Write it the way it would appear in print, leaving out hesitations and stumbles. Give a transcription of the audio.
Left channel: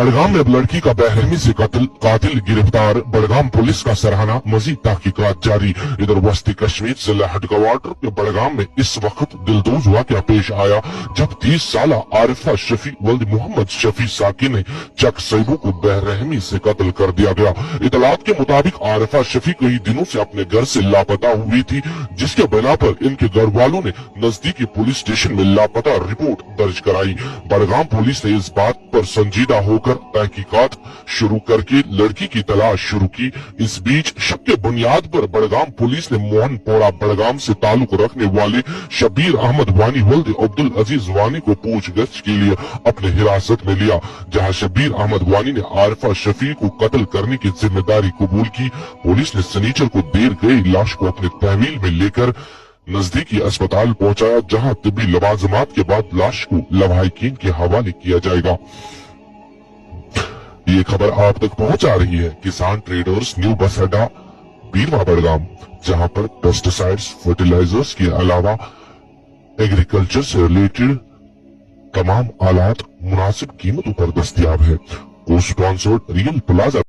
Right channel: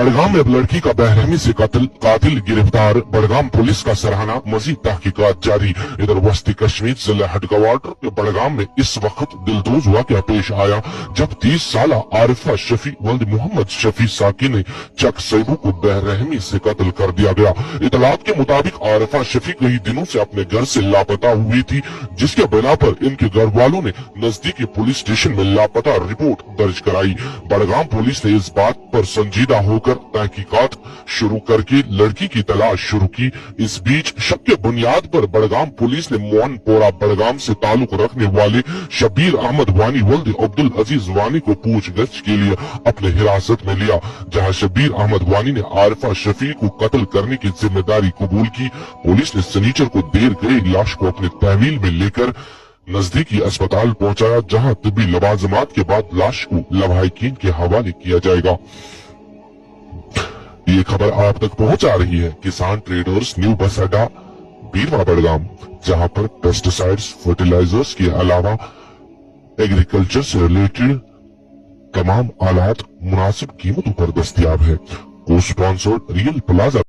बड़गाम में लड़की का बेरहमी से कातिल गिरफ्तार। बड़गाम पुलिस का सराहना, मजीद तहकीकात जारी। इधर वस्ती कश्मीर जिला हेडक्वार्टर के बड़गाम में इस वक्त दिलदोज वाकया पेश आया जब 30 साल आरिफा शफी वल्द मोहम्मद शफी साकी ने चक सैबू को बेरहमी से कत्ल कर दिया गया। इतलात के मुताबिक आरिफा शफी कई दिनों से अपने घर से लापता हुई थी, जिसके बिना पर इनके घर वालों ने नजदीकी पुलिस स्टेशन में लापता रिपोर्ट दर्ज कराई। बड़गाम पुलिस ने इस बात पर संजीदा होकर तहकीकात शुरू करके लड़की की तलाश शुरू की। इस बीच शक के बुनियाद पर बड़गाम पुलिस ने मोहनपुरा बड़गाम से ताल्लुक रखने वाले शबीर अहमद वानी वल्द अब्दुल अजीज वानी को पूछताछ के लिए अपने हिरासत में लिया, जहां शबीर अहमद वानी ने आरिफा शफी को कत्ल करने की जिम्मेदारी कबूल की। पुलिस ने सनीचर को देर गई लाश को अपने तहवील में लेकर नजदीकी अस्पताल पहुंचाया, जहां तिब्बी लवाजमात के बाद लाश को लवाहिकीन के हवाले किया जाएगा। ये खबर आप तक पहुंचा रही है किसान ट्रेडर्स न्यू बस अड्डा बीरवा बड़गाम, जहां पर पेस्टिसाइड्स, फर्टिलाइजर्स के अलावा एग्रीकल्चर से रिलेटेड तमाम आलात मुनासिब कीमतों पर दस्तयाब है। को स्पॉन्सर्ड रियल प्लाजा